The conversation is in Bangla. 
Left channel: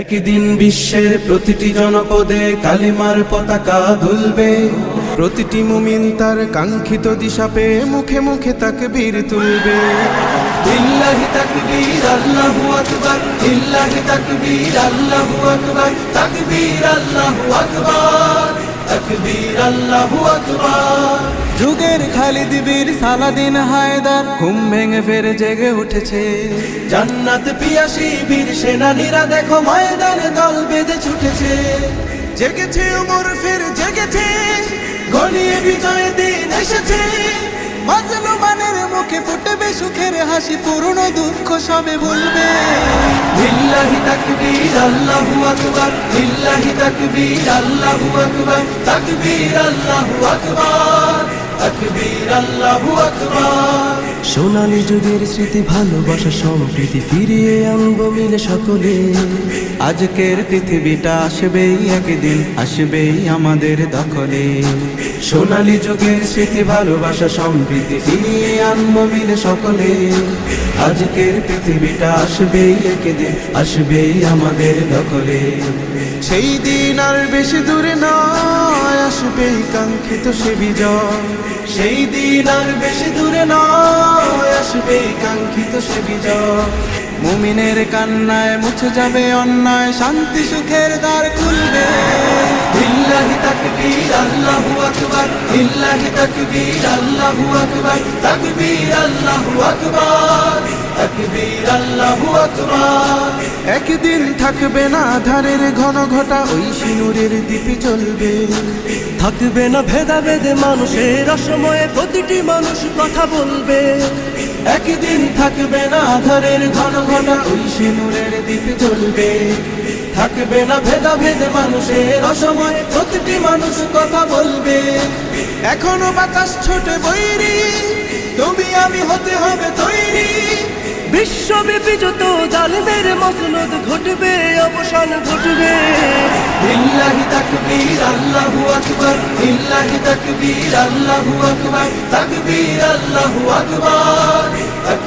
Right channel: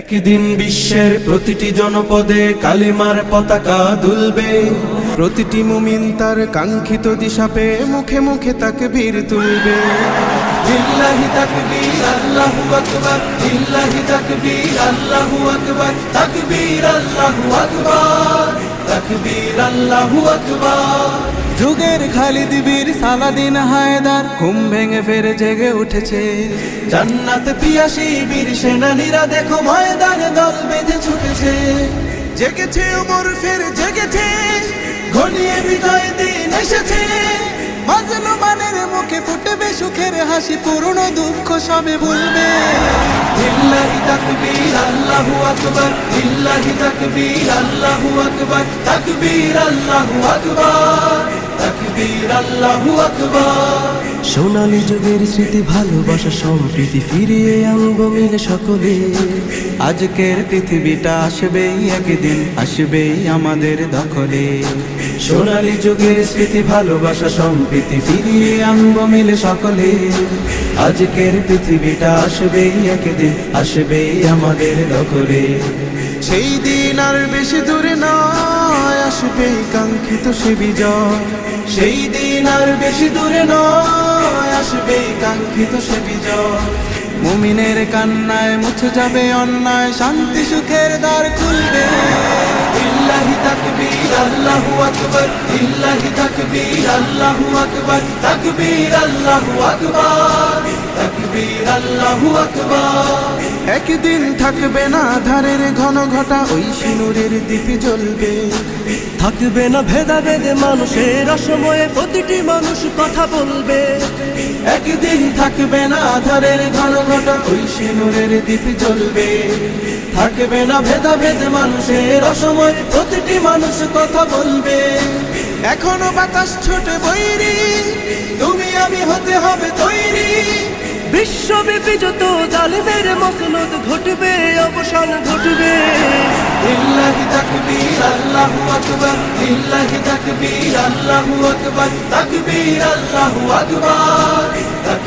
একদিন বিশ্বের প্রতিটি জনপদে কালিমার পতাকা দুলবে। প্রতিটি মুমিন তার কাঙ্ক্ষিত দিশা পেয়ে মুখে মুখে তাকে বীর তুলবে। ইল্লাহি আল্লাহু আকবার। যুগের খালিদ বীর সালাদিন হায়দার ঘুম ভেঙে ফেরে জেগে উঠেছে। জান্নাত পিয়াসী বীর সেনানীরা দেখো ময়দানে দল বেঁধে ছুটেছে। জেগেছে ওমর ফের জেগেছে। ঘনিয়ে বিজয় দিন এসেছে। মাজলুমানের মুখে ফুটবে সুখের হাসি পুরনো দুঃখ সবে ভুলবে। লিল্লাহি তাকবীর আল্লাহু আকবার। লিল্লাহি তাকবীর আল্লাহু আকবার। তাকবীর আল্লাহু আকবার। তাকবীর আল্লাহু আকবার। সোনালী যুগের স্মৃতি, ভালোবাসা, সম্প্রীতি, ফিরিয়ে আনব মিলে সকলে। আজকের পৃথিবীটা আসবেই একদিন, আসবেই আমাদের দখলে। সোনালী যুগের স্মৃতি, ভালোবাসা, সম্প্রীতি, ফিরিয়ে আনব মিলে সকলে। আজকের পৃথিবীটা আসবেই একদিন, আসবেই আমাদের দখলে। সেই দিন আর বেশি দূরে নয় আসবে কাঙ্ক্ষিত সে বিজয়। সেই দিন আর বেশি দূরে নয় আসবে কাঙ্ক্ষিত সে বিজয়। মুমিনের কান্নায় মুছে যাবে অন্যায় শান্তি সুখের দ্বার খুলবে। লিল্লাহি তাকবীর আল্লাহু আকবার। লিল্লাহি তাকবীর আল্লাহু আকবার তাকবীর আল্লাহু আকবার। তাকবীর আল্লাহু আকবার। একদিন থাকবে না ধারের ঘন ঘটা ওই সিনুরের দ্বীপে জ্বলবে। থাকবে না ভেদাভেদে মানুষের অসময়ে প্রতিটি মানুষ কথা বলবে। একদিন থাকবে না আধারের ঘন ঘটা ওই সিঁদুরের দ্বীপ জ্বলবে। থাকবে না ভেদাভেদ মানুষের অসময় প্রতিটি মানুষ কথা বলবে। এখনও বাতাস ছোটে বৈরি তুমি আমি হতে হবে তৈরি। বিশ্বব্যাপী যত জালিমের মসনদ ঘটবে অবসান ঘটবে। লিল্লাহি তাকবীর আল্লাহু আকবার। লিল্লাহি তাকবীর